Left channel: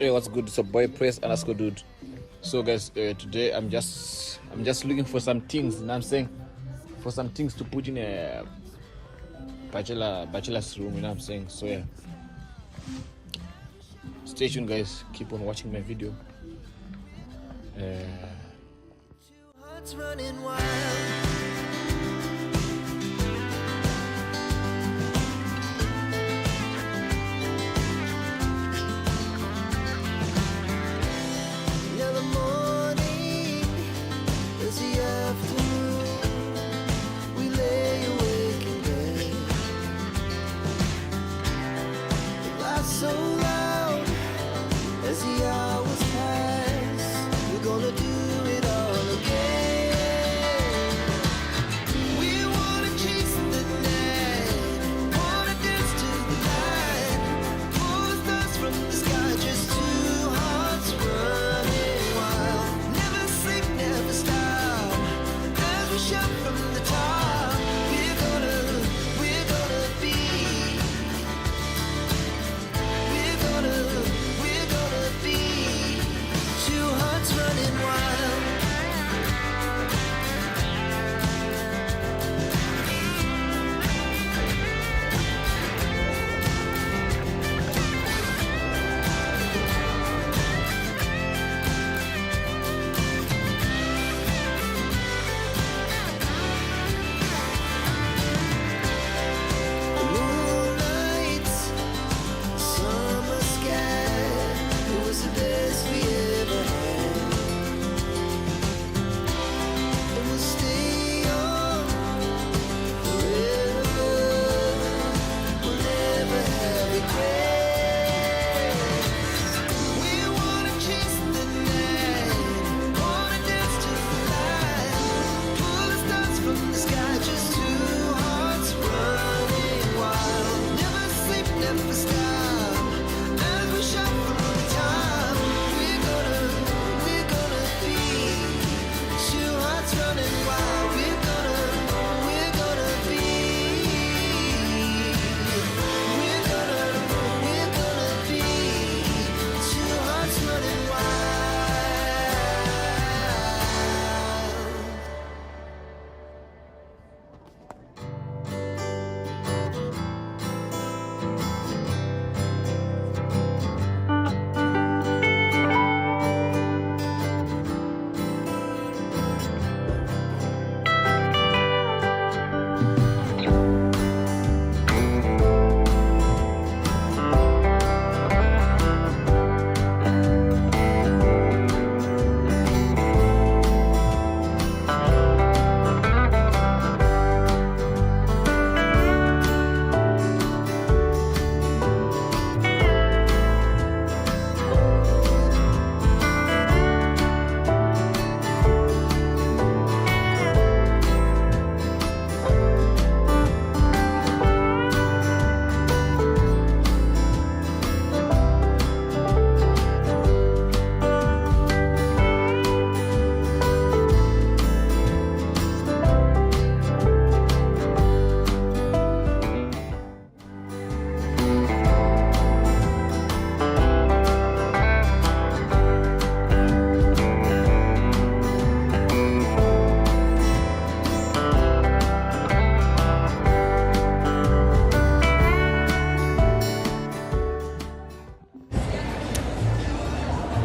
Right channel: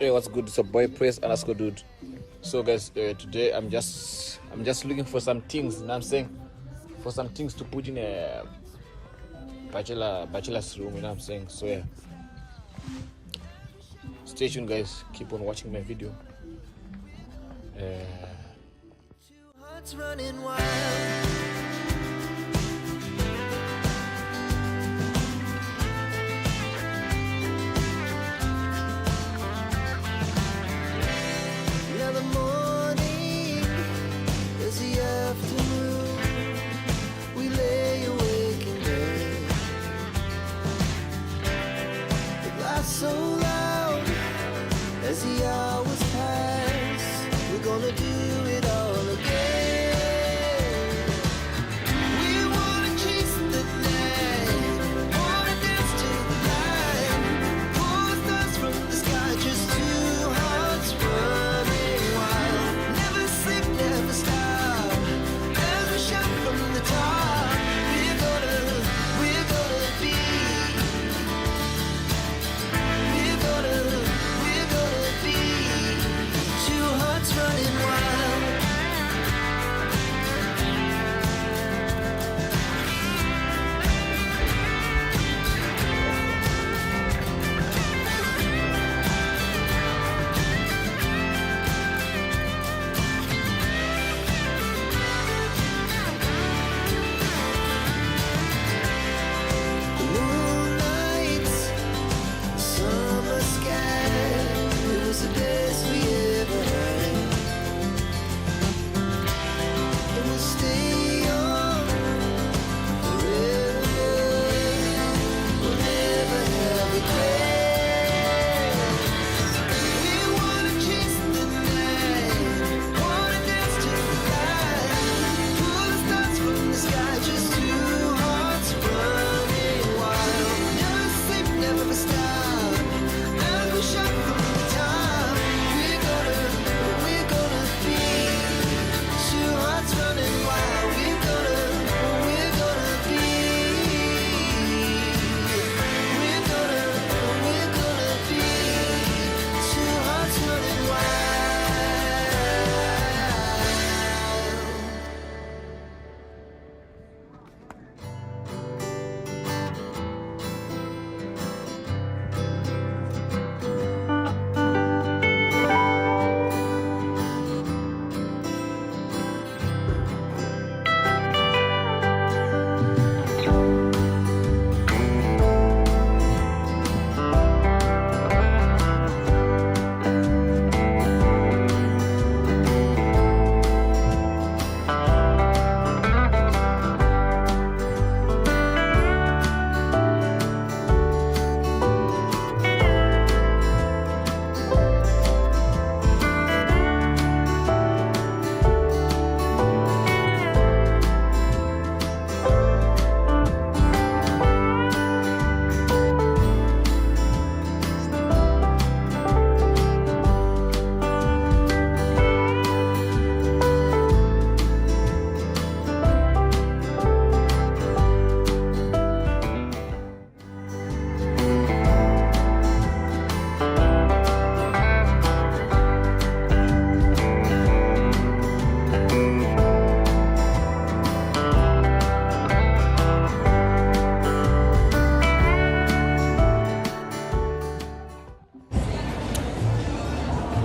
Hey, what's good? It's a boy Praise underscore dude. So guys, today I'm just looking for some things, you know what I'm saying? For some things to put in a bachelor's room, you know what I'm saying? So yeah. Stay tuned guys, keep on watching my video. Two hearts running wild. Now the morning is the afternoon. We lay awake in bed. It laughs so loud as the hours pass. We're gonna do it all again. We wanna chase the night, wanna dance to the light, pull the stars from the sky, just two hearts running wild. Never sleep, never stop, as we shout from the top. We're gonna be. We're gonna be two hearts running wild. The moonlight, summer sky, it was the best we ever had. And we'll stay on forever. We'll never have regrets. We wanna chase the night, wanna dance to the light, pull the stars from the sky, just two hearts running wild. Never sleep, never stop, as we shout from the top. We're gonna be two hearts running wild. We're gonna be. We're gonna be two hearts running wild.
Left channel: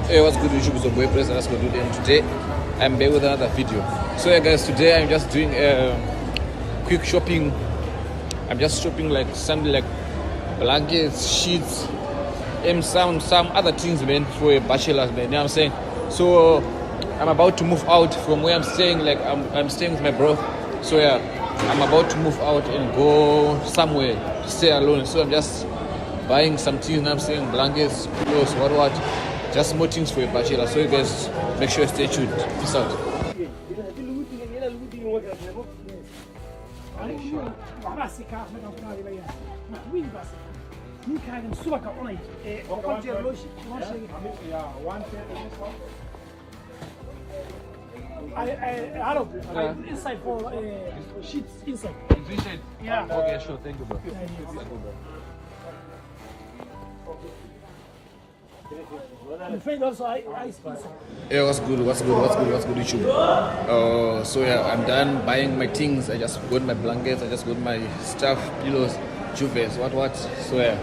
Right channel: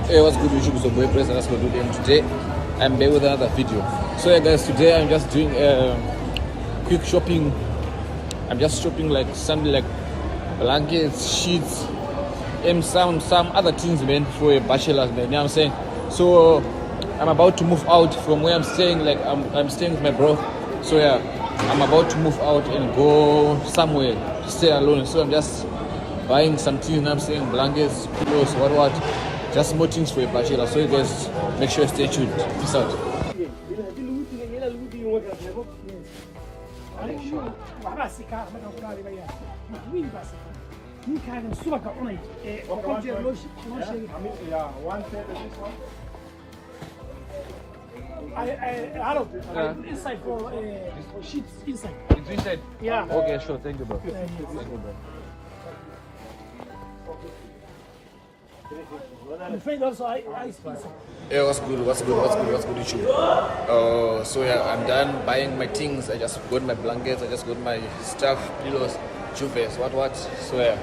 Hey, what's good YouTube? It's your boy Praise underscore dude, and today I'm back with another video. So yeah guys, today I'm just doing quick shopping. I'm just shopping like something like blankets, sheets, and some other things, man, for a bachelor's, man. You know what I'm saying? So I'm about to move out from where I'm staying. Like I'm staying with my bro. So yeah, I'm about to move out and go somewhere to stay alone. So I'm just buying some things, you know what I'm saying? Blankets, pillows, what. Just more things for a bachelor. So you guys make sure you stay tuned. Peace out. Inside for sheets inside. It's inside? Yeah. Okay, sure. Thank you, bro. Yeah. Thank you, bro. My friend also ice pizza. Yeah, what's good, YouTube? So yeah, I'm done buying my things. I just got my blankets, I just got my stuff, pillows, juvens, what. So yeah,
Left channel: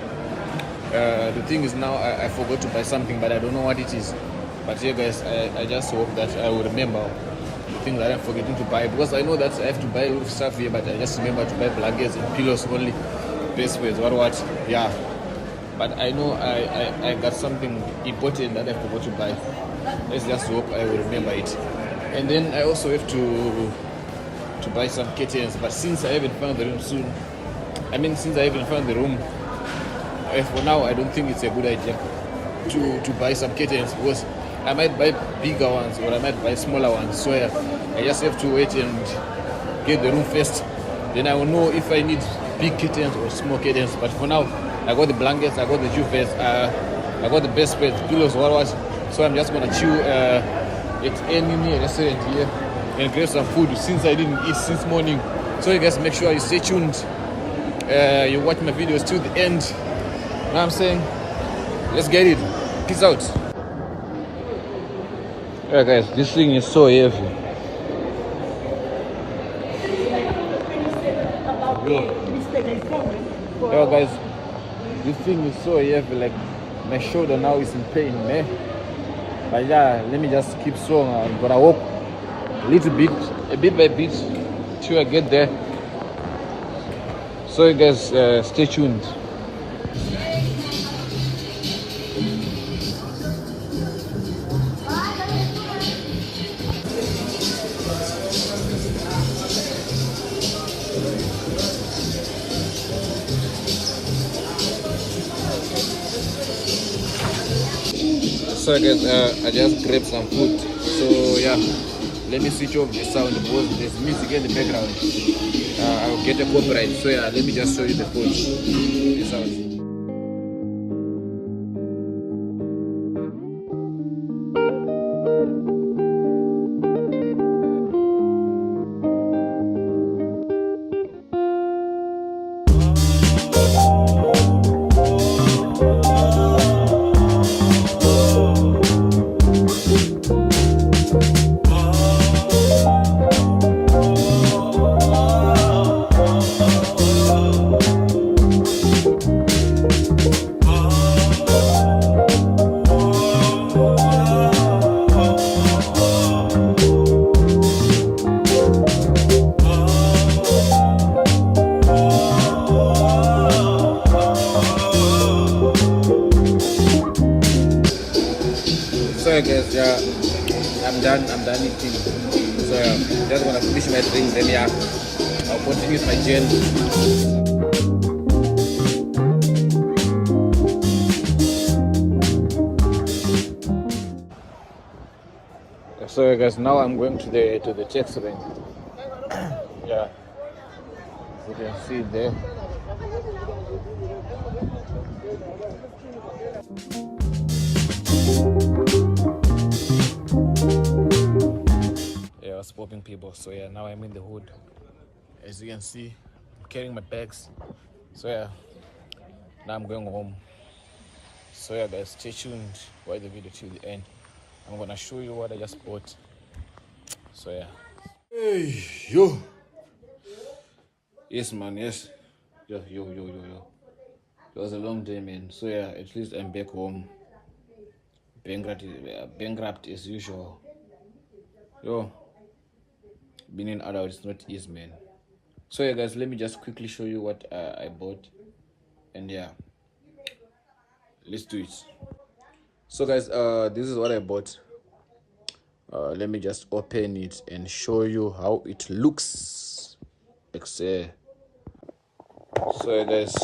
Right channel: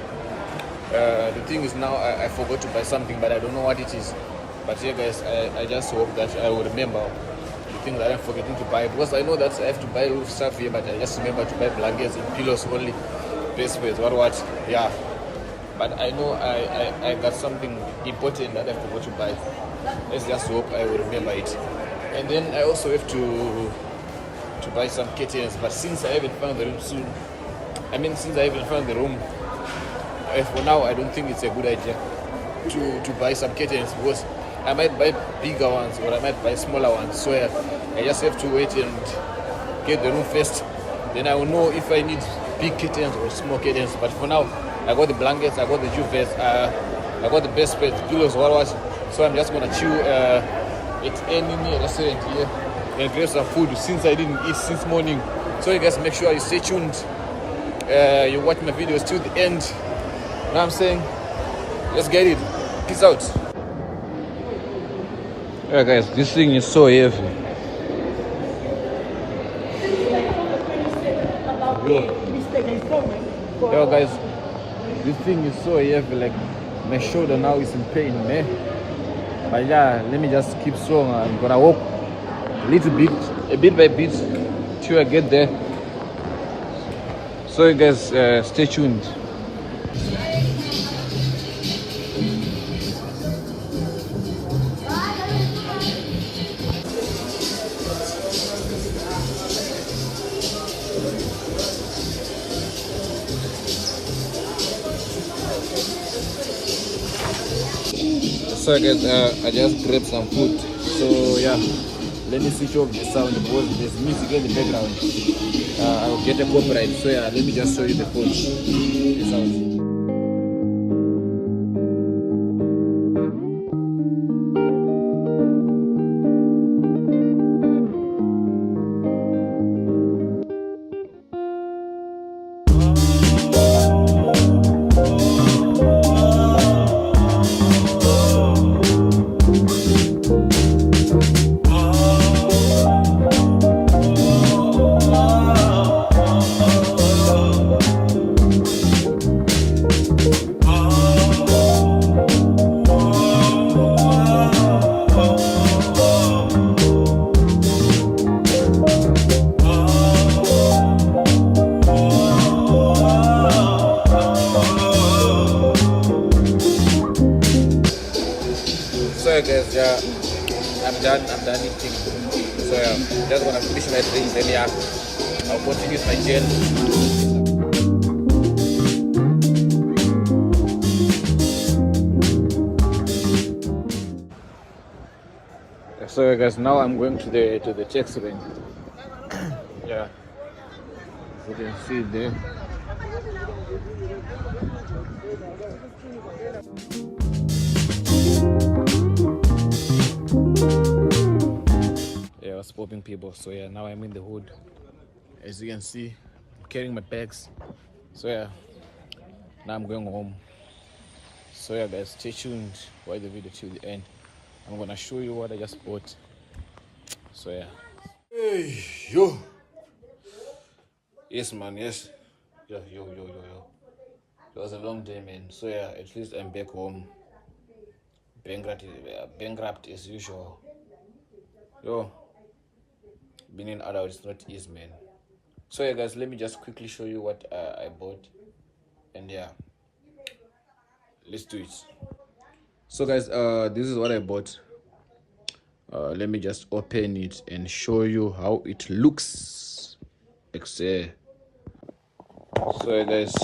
the thing is now I forgot to buy something, but I don't know what it is. But yeah, guys, I just hope that I will remember the thing that I'm forgetting to buy, because I know that I have to buy a lot of stuff here, but I just remember to buy blankets and pillows only. Best ways, what? Yeah. But I know I got something important that I forgot to buy. Let's just hope I will remember it. And then I also have to buy some curtains. But since I haven't found the room for now I don't think it's a good idea to buy some curtains, because I might buy bigger ones or I might buy smaller ones. So I just have to wait and get the room first. Then I will know if I need big curtains or small curtains. But for now, I got the blankets, I got the juvens, I got the best beds, pillows, what. So I'm just gonna chill at any restaurant here and grab some food since I didn't eat since morning. So you guys make sure you stay tuned. You watch my videos till the end. You know what I'm saying? Let's get it. Peace out. Yeah, guys, this thing is so heavy. Yo guys, this thing is so heavy, like my shoulder now is in pain, man. But yeah, let me just keep strong. I'm gonna walk a bit by bit till I get there. So you guys stay tuned. So guys, I just grabbed some food. So yeah, let me switch off the sound because there's music in the background. I'll get a copyright. So yeah, let me just show you the food. Peace out. Guys, yeah, I'm done eating. So yeah, just gonna finish my drink, then yeah, I'll continue with my journey. So guys, now I'm going to the taxi rank. Yeah, as you can see there. Popping people. So yeah, now I'm in the hood. As you can see, I'm carrying my bags. So yeah, now I'm going home. So yeah guys, stay tuned, watch the video till the end. I'm gonna show you what I just bought. So yeah. Hey yo. Yes man, yes. Yo. It was a long day, man. So yeah, at least I'm back home. Bankrupt as usual. Yo. Being an adult is not easy, man. So yeah guys, let me just quickly show you what I bought, and yeah, let's do it. So guys, this is what I bought. Let me just open it and show you how it looks. So guys,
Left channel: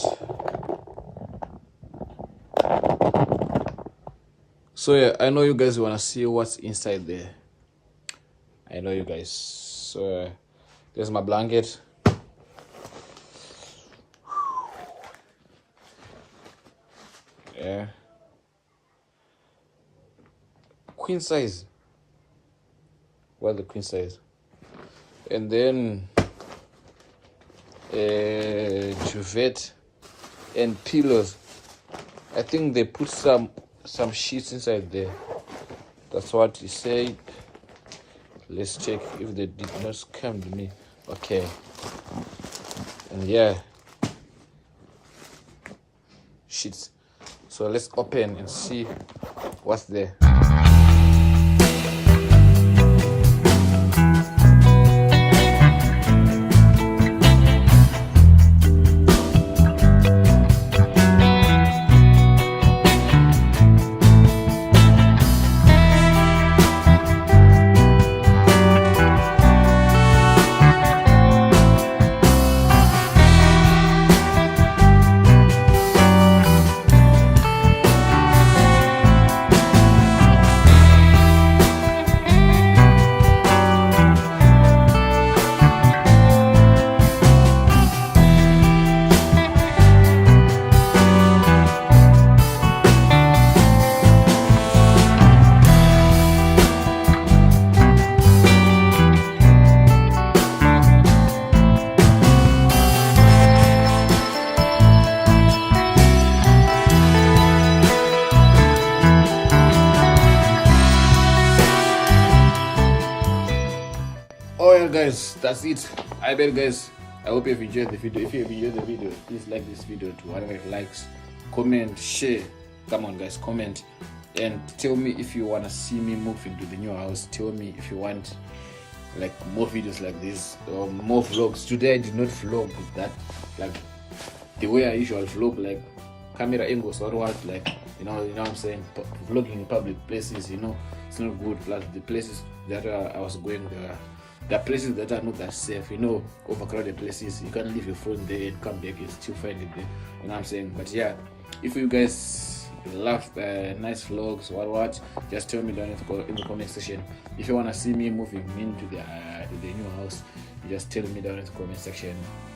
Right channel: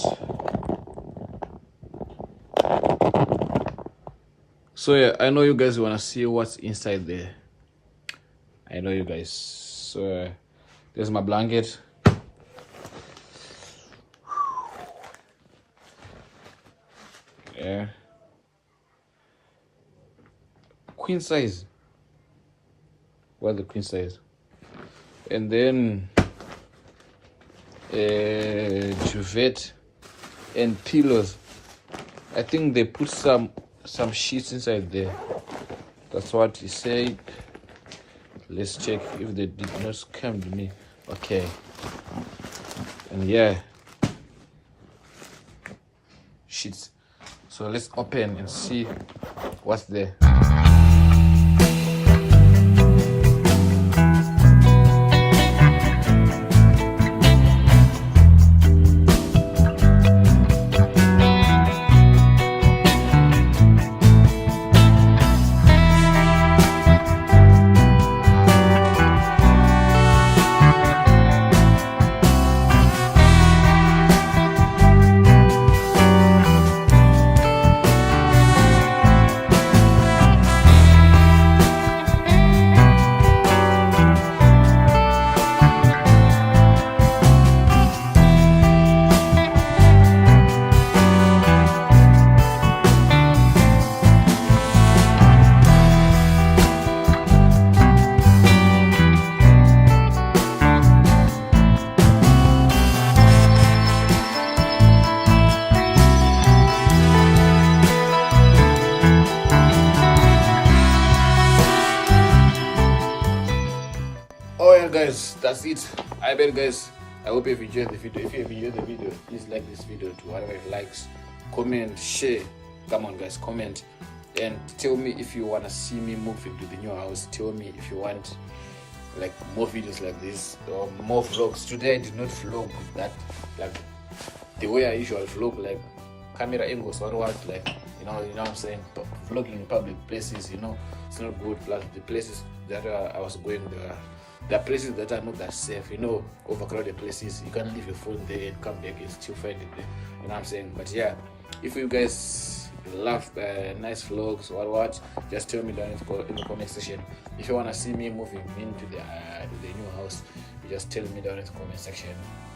so yeah, I know you guys want to see what's inside there. I know you guys. So there's my blanket. Yeah, queen size. What's the queen size? And then duvet and pillows. I think they put some some sheets inside there. That's what he said. Let's check if they did not scam me. Okay. And yeah, sheets. So let's open and see what's there. Alright guys, that's it. I bet guys, I hope you've enjoyed the video. If you have enjoyed the video, please like this video to whatever likes, comment, share. Come on guys, comment and tell me if you want to see me move into the new house. Tell me if you want like more videos like this or more vlogs. Today I did not vlog that like the way I usually vlog, like camera angles or what, like you know what I'm saying, vlogging in public places, you know, it's not good. Like the places that I was going, the places that are not that safe, you know, overcrowded places, you can leave your phone there and come back and still find it there, you know what I'm saying. But yeah, if you guys love nice vlogs or what, just tell me down in the comment section. If you want to see me moving into the new house, you just tell me down in the comment section.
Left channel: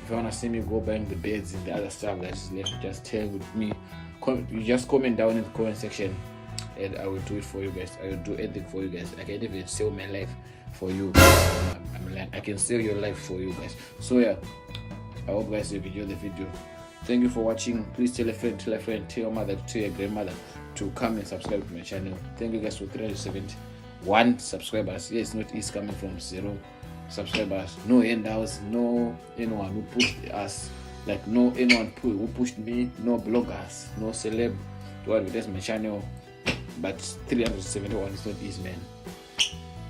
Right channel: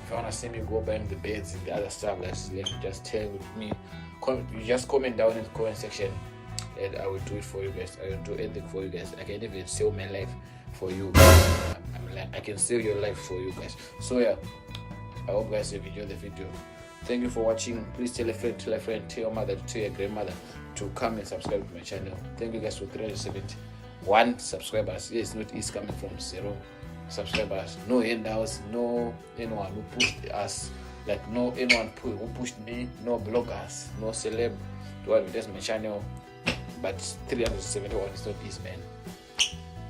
If you want to see me go buying the beds and the other stuff that's left, just tell me. You just comment down in the comment section and I will do it for you guys. I will do anything for you guys. I can even sell my life for you. I can save your life for you guys. So yeah, I hope guys you enjoyed the video. Thank you for watching. Please tell a friend, tell your mother, tell your grandmother to come and subscribe to my channel. Thank you guys for 371 subscribers. Yes, not easy coming from 0 subscribers. No handouts, no anyone who pushed us, like no anyone who pushed me, no bloggers, no celeb to advertise my channel. But 371 is not easy, man.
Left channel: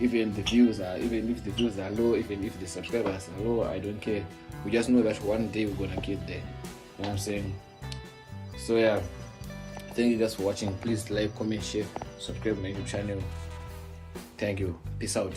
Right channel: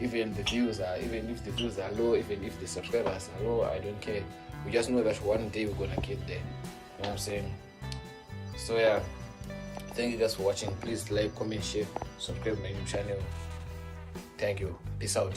Even if the views are low, even if the subscribers are low, I don't care. We just know that one day we're gonna get there. You know what I'm saying? So yeah, thank you guys for watching. Please like, comment, share, subscribe to my YouTube channel. Thank you. Peace out.